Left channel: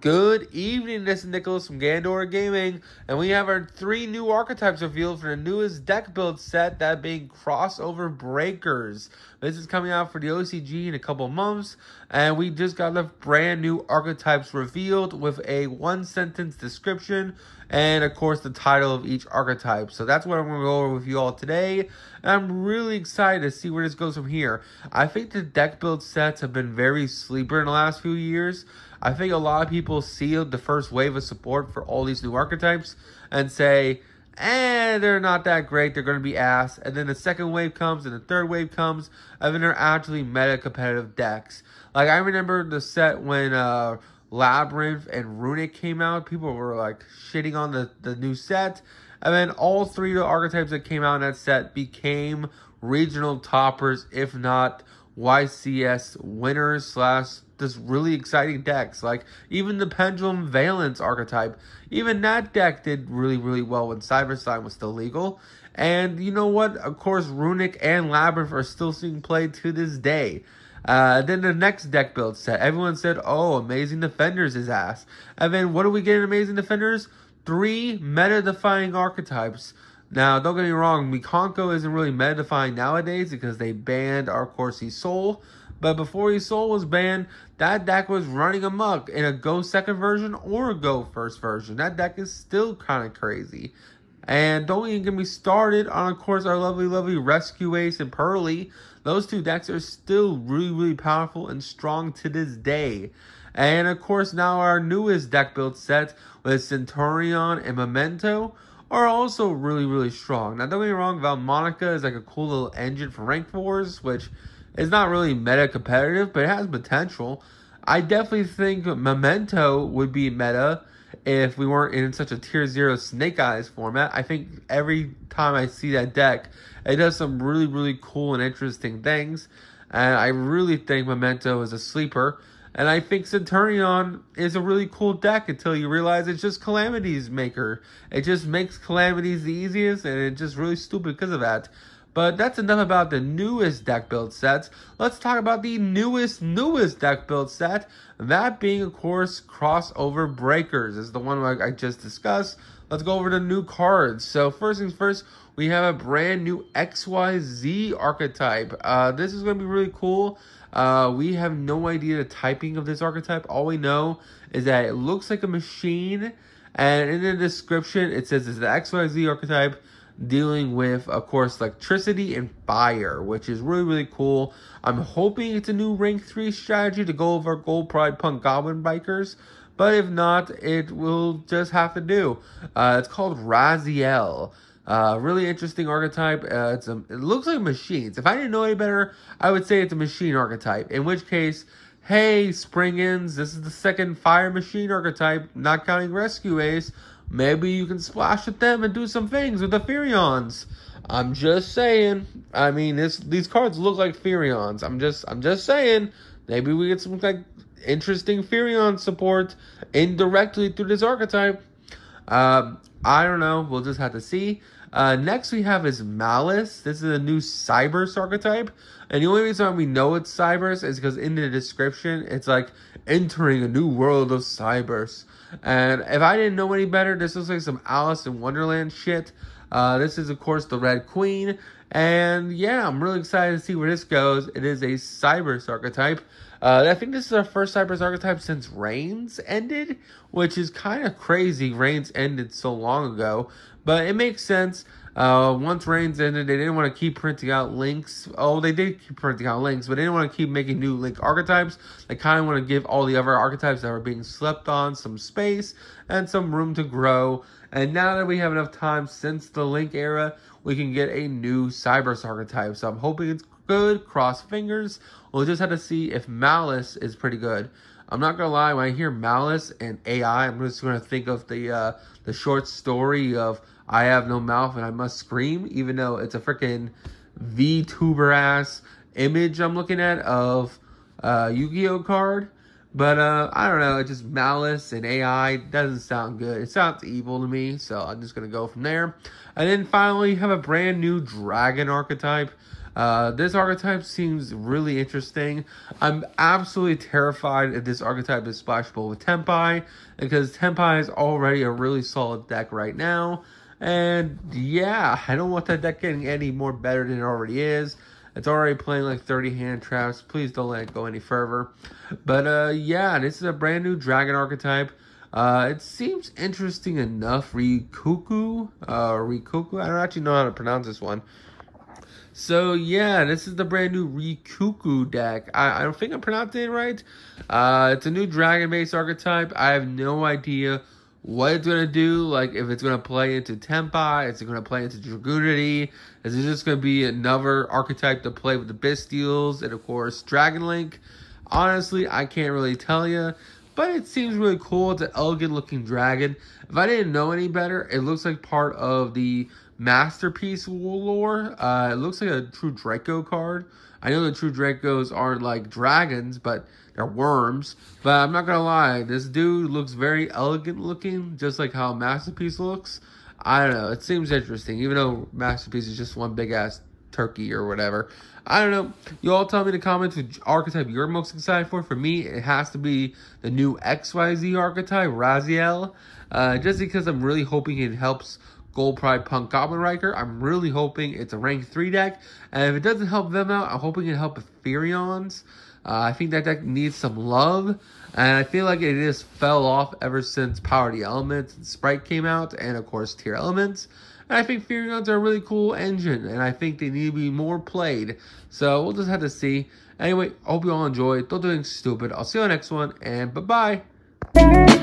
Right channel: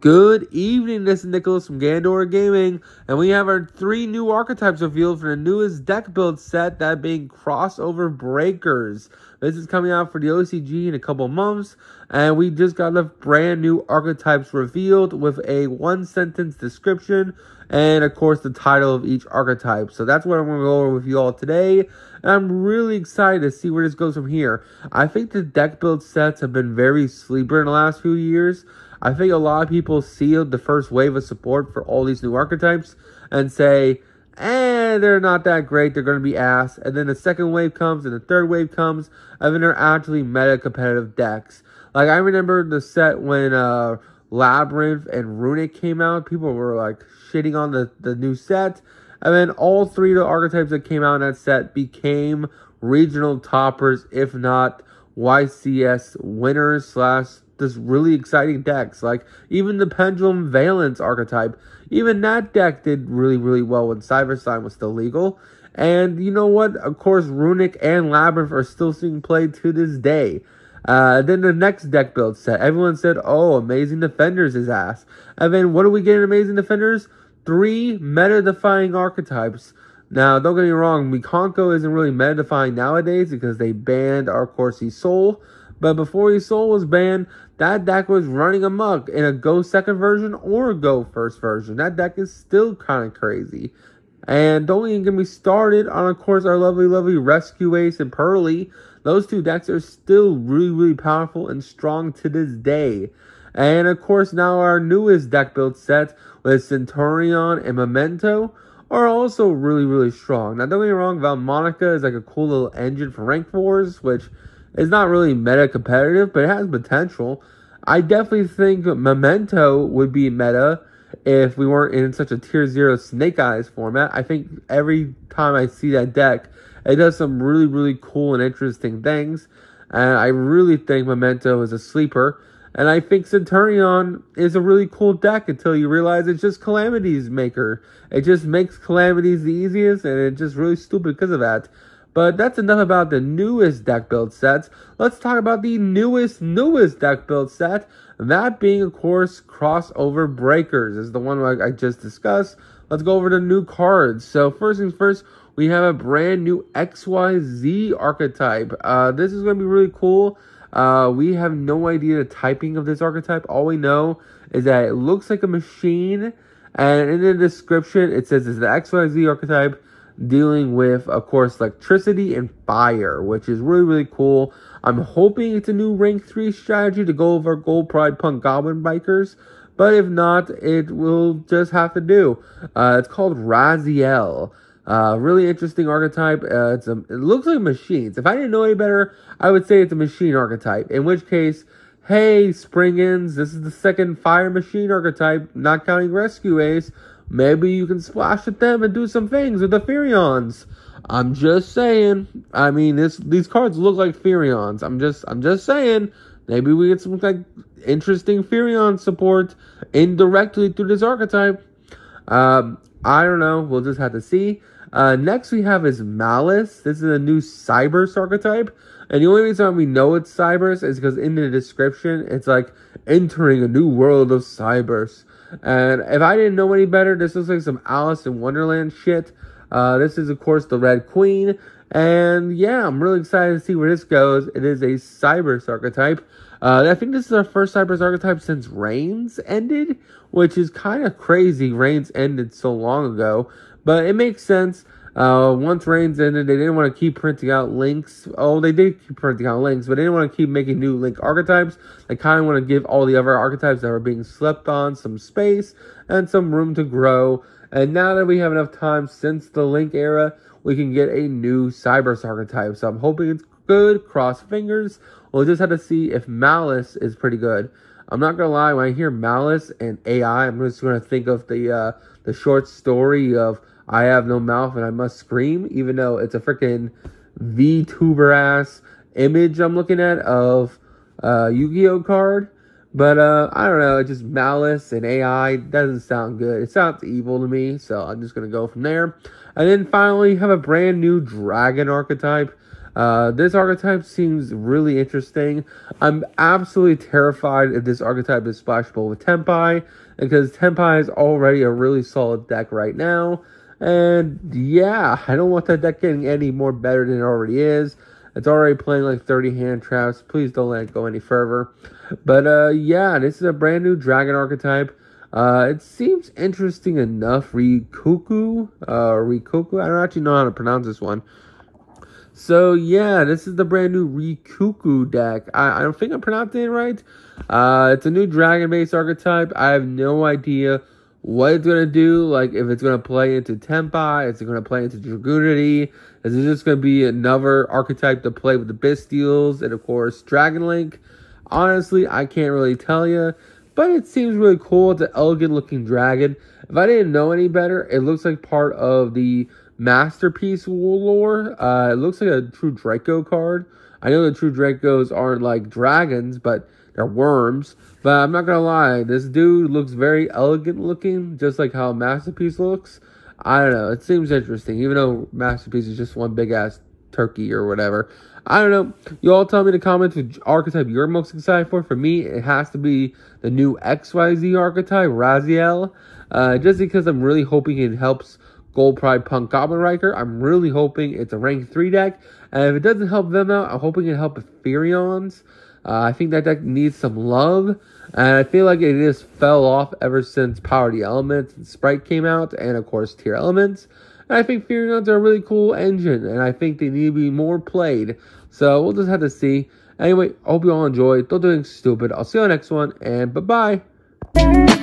Good evening, this is Nicholas from Gandor Gaming, and we have our 3 new archetypes revealed for the newest deck build set, that being Crossover Breakers. This is coming out for the OCG in a couple months, and we just got the brand new archetypes revealed with a 1-sentence description, and of course the title of each archetype. So that's what I'm going to go over with you all today, and I'm really excited to see where this goes from here. I think the deck build sets have been very sleeper in the last few years. I think a lot of people see the first wave of support for all these new archetypes and say, they're not that great, they're going to be ass. And then the second wave comes and the third wave comes, and then they're actually meta-competitive decks. Like, I remember the set when Labyrinth and Runic came out, people were like shitting on the new set. And then all 3 of the archetypes that came out in that set became regional toppers, if not YCS winners / this really exciting decks. Like, even the Pendulum Valence archetype, even that deck did really well when Cybersign was still legal. And you know what? Of course, Runic and Labyrinth are still seeing play to this day. Then the next deck build set, everyone said, oh, Amazing Defenders is ass. And then what do we get in Amazing Defenders? 3 meta-defying archetypes. Now, don't get me wrong, Mikonko isn't really meta-defying nowadays because they banned our Corsi Soul. But before his Soul was banned, that deck was running amok in a Go second version or a Go first version. That deck is still kind of crazy. And don't even get me started on, of course, our lovely Rescue Ace and Pearly. Those 2 decks are still really powerful and strong to this day. And of course, now our newest deck build set with Centurion and Memento are also really strong. Now, don't get me wrong, Valmonica is like a cool little engine for rank 4s, which is not really meta competitive, but it has potential. I definitely think Memento would be meta if we weren't in such a tier 0 Snake Eyes format. I think every time I see that deck, it does some really cool and interesting things. And I really think Memento is a sleeper. And I think Centurion is a really cool deck until you realize it's just Calamity's maker. It just makes Calamities the easiest, and it's just really stupid because of that. But that's enough about the newest deck build sets. Let's talk about the newest deck build set. That being, of course, Crossover Breakers. This is the one I just discussed. Let's go over the new cards. So first things first, we have a brand new XYZ archetype. This is going to be really cool. We have no idea the typing of this archetype. All we know is that it looks like a machine. And in the description, it says it's the XYZ archetype, dealing with, of course, electricity and fire, which is really cool. I'm hoping it's a new rank 3 strategy to go over Gold Pride Punk Goblin Bikers, but if not, it will just have to do. It's called Raziel. Really interesting archetype. It looks like machines. If I didn't know any better, I would say it's a machine archetype, in which case, hey, Springins, this is the second fire machine archetype, not counting Rescue Ace. Maybe you can splash at them and do some things with the Furions. I'm just saying. I mean, these cards look like Furions. I'm just saying. Maybe we get some interesting Furion support indirectly through this archetype. I don't know. We'll just have to see. Next we have is Malice. This is a new Cybers archetype. And the only reason we know it's Cybers is because in the description, it's like, entering a new world of Cybers. And if I didn't know any better, this looks like some Alice in Wonderland shit. This is, of course, the Red Queen. And yeah, I'm really excited to see where this goes. It is a Cybers archetype. I think this is our first Cybers archetype since Reigns ended, which is kind of crazy. Reigns ended so long ago, but it makes sense. Once Reigns ended, they didn't want to keep printing out links. Oh, they did keep printing out links, but they didn't want to keep making new link archetypes. They kind of want to give all the other archetypes that were being slept on some space and some room to grow. And now that we have enough time since the link era, we can get a new Cybers archetype. So I'm hoping it's good. Cross fingers. We'll just have to see if Malice is pretty good. I'm not gonna lie, when I hear Malice and AI, I'm just gonna think of the short story of I have no mouth and I must scream, even though it's a freaking VTuber ass image I'm looking at of Yu-Gi-Oh card. But I don't know, it's just Malice and AI doesn't sound good. It sounds evil to me, so I'm just gonna go from there. And then finally have a brand new Dragon archetype. This archetype seems really interesting. I'm absolutely terrified if this archetype is splashable with Tempai, because Tempai is already a really solid deck right now. And yeah, I don't want that deck getting any more better than it already is. It's already playing like 30 hand traps. Please don't let it go any further. But yeah, this is a brand new dragon archetype. It seems interesting enough. Rikuku? Rikuku? I don't actually know how to pronounce this one. So yeah, this is the brand new Rikuku deck. I don't think I'm pronouncing it right. It's a new dragon-based archetype. I have no idea what it's going to do. Like, if it's going to play into Tempai, is it going to play into Dragoonity? Is it just going to be another archetype to play with the Bystials and, of course, Dragon Link? Honestly, I can't really tell you. But it seems really cool. It's an elegant-looking dragon. If I didn't know any better, it looks like part of the Masterpiece lore. It looks like a True Draco card. I know the True Dracos aren't like dragons, but they're worms. But I'm not gonna lie, this dude looks very elegant looking, just like how Masterpiece looks. I don't know, it seems interesting, even though Masterpiece is just one big ass turkey or whatever. I don't know. You all tell me in the comments which archetype you're most excited for. For me, it has to be the new XYZ archetype, Raziel. Just because I'm really hoping it helps Gold Pride Punk Goblin Riker. I'm really hoping it's a rank 3 deck. And if it doesn't help them out, I'm hoping it helps Ethereons. I think that deck needs some love. And I feel like it just fell off ever since Power the Elements and Sprite came out. And of course, Tier Elements. And I think Ethereons are a really cool engine. And I think they need to be more played. So we'll just have to see. Anyway, I hope you all enjoyed. Don't do anything stupid. I'll see you on the next one. And bye-bye.